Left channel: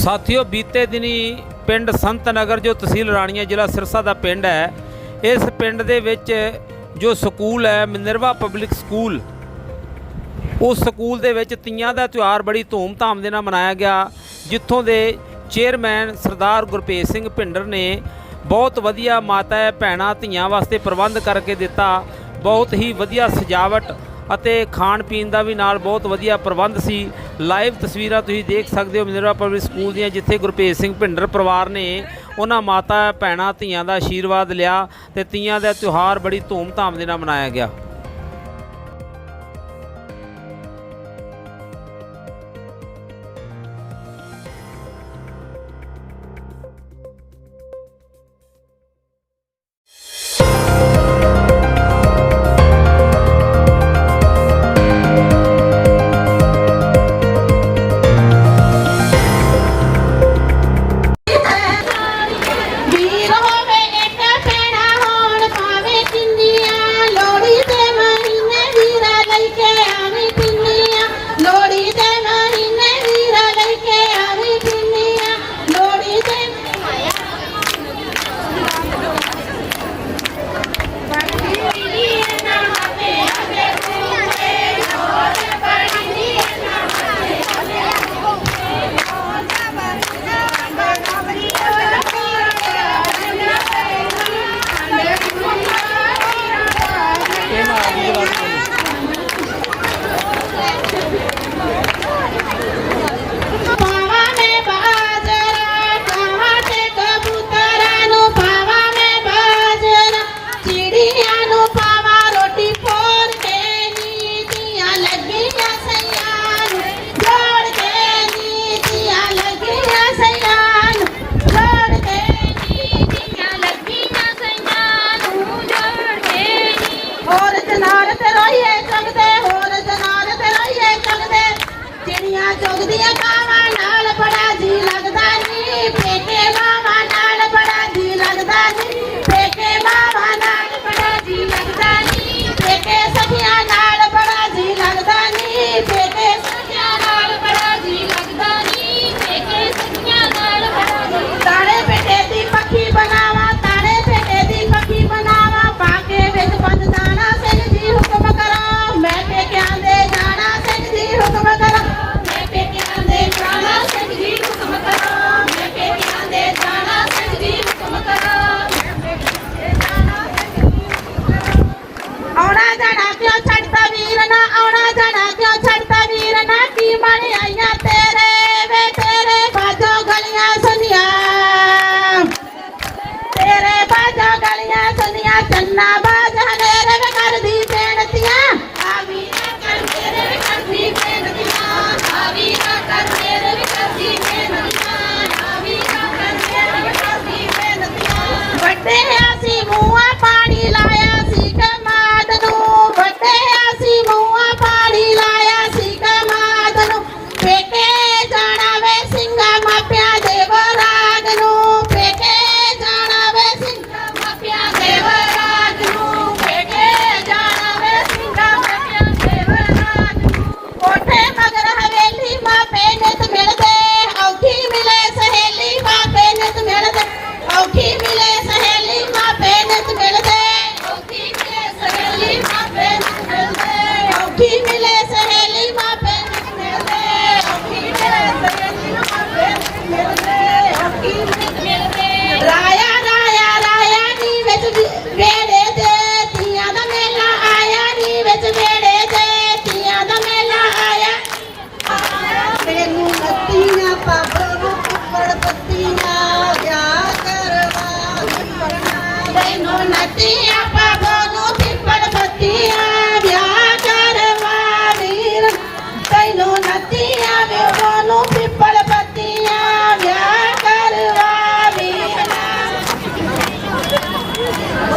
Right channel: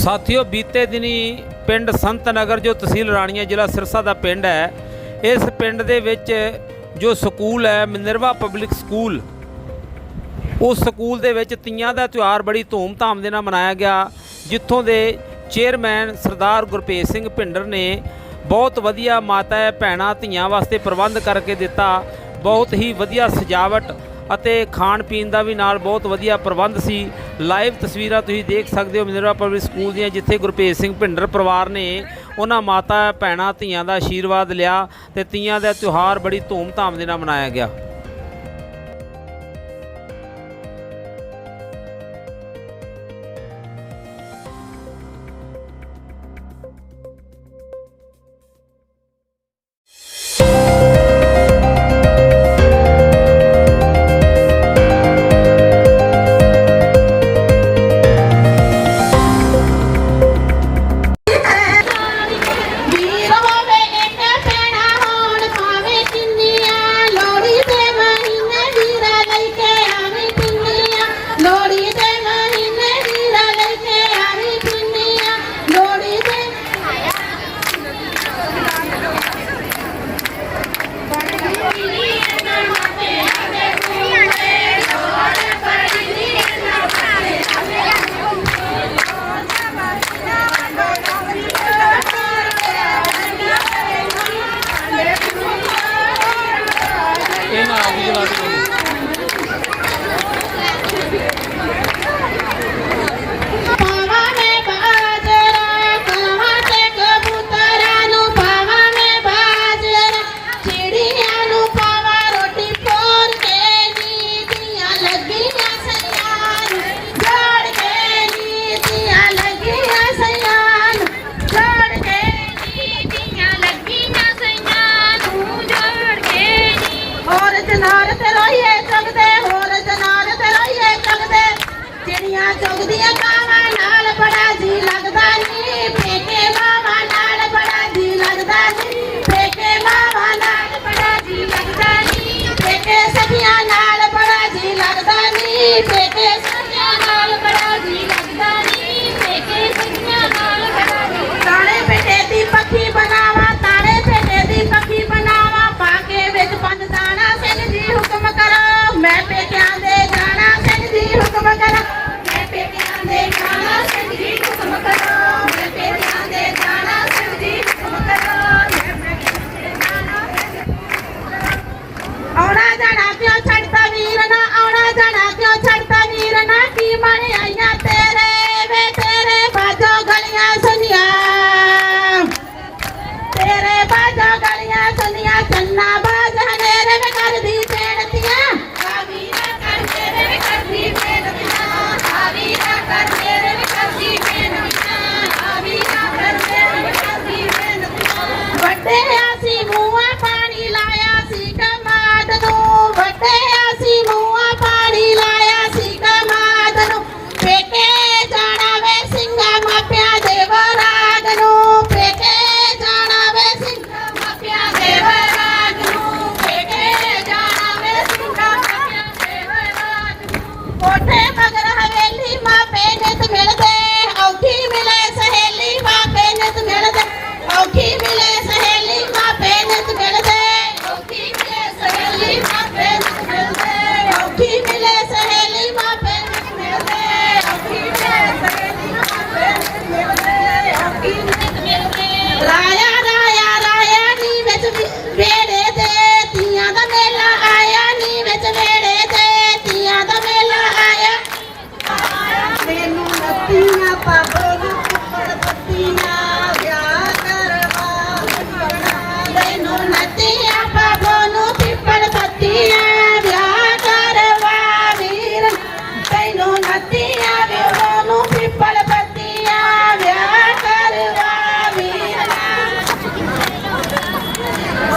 ਸਾਥੀਓ, ਬੀਤੇ ਦਿਨੀ ਪਿੰਡ ਸੰਤ ਨਗਰ, ਜੋ ਤਹਿਸੀਲ ਰਾਣੀਆਂ, ਜ਼ਿਲ੍ਹਾ ਸਿਰਸਾ ਦਾ ਪਿੰਡ ਹੈ, ਇਸ ਪਿੰਡ ਦੇ ਵਿੱਚ ਜੋ ਸਕੂਲ ਹੈ, ਮਿਨਰਵਾ ਪਬਲਿਕ ਸਕੂਲ, ਉਸ ਸਕੂਲ ਦੇ ਵਿੱਚ ਤੀਆਂ ਦਾ ਤਿਉਹਾਰ ਬੜੀ ਧੂਮ-ਧਾਮ ਦੇ ਨਾਲ ਮਨਾਇਆ ਗਿਆ, ਜਿੱਥੋਂ ਦੇ ਚੇਅਰਮੈਨ ਸਰਦਾਰ ਗੁਰਪ੍ਰੀਤ ਸਿੰਘ ਭਿੰਡਰ ਨੇ ਬਹੁਤ ਵਧੀਆ ਮਾਤਾ, ਭੈਣਾਂ, ਧੀਆਂ ਵਾਸਤੇ ਪ੍ਰਬੰਧ ਕਰਕੇ ਦਿੱਤਾ, ਬਹੁਤ ਹੀ ਵਧੀਆ ਸਜਾਵਟ ਅਤੇ ਖਾਣ ਪੀਣ ਦਾ ਵੀ ਨਾਲ ਬਹੁਤ ਵਧੀਆ ਪ੍ਰਬੰਧ ਸੀ। ਲਾਈਵ ਤਸਵੀਰਾਂ ਤੁਸੀਂ ਦੇਖ ਸਕਦੇ ਹੋ ਮਿਨਰਵਾ ਪਬਲਿਕ ਸਕੂਲ ਦੀਆਂ, ਜਿੱਥੇ ਗੁਰਪ੍ਰੀਤ ਸਿੰਘ ਭਿੰਡਰ ਪਰਿਵਾਰ ਨੇ ਉਹਨਾਂ ਮਾਤਾ, ਭੈਣਾਂ, ਧੀਆਂ ਦਾ ਆਸ਼ੀਰਵਾਦ ਲਿਆ ਤੇ ਤੀਆਂ ਦਾ ਤਿਉਹਾਰ ਬੜੀ ਧੂਮ-ਧਾਮ ਦੇ ਨਾਲ ਮਨਾਇਆ ਗਿਆ। આવણા જાણા કયો છડતા વીરના આવણા જાણા કયો છડતા વીરના કી મારે અહીંયા તેરે વે તેરે બાજો ગળિયા સુનિયા તેરે બાજો ગળિયા સુનિયા ચન્ના બાજ હને રે વે કર દી પેણતિયા આવી કર તેરે વે કર દી પેણતિયા આવી કર તેરે વે કર દી પેણતિયા આવી કર તેરે વે કર દી પેણતિયા વટે આસી મુવા પાણી લાયા સી When I think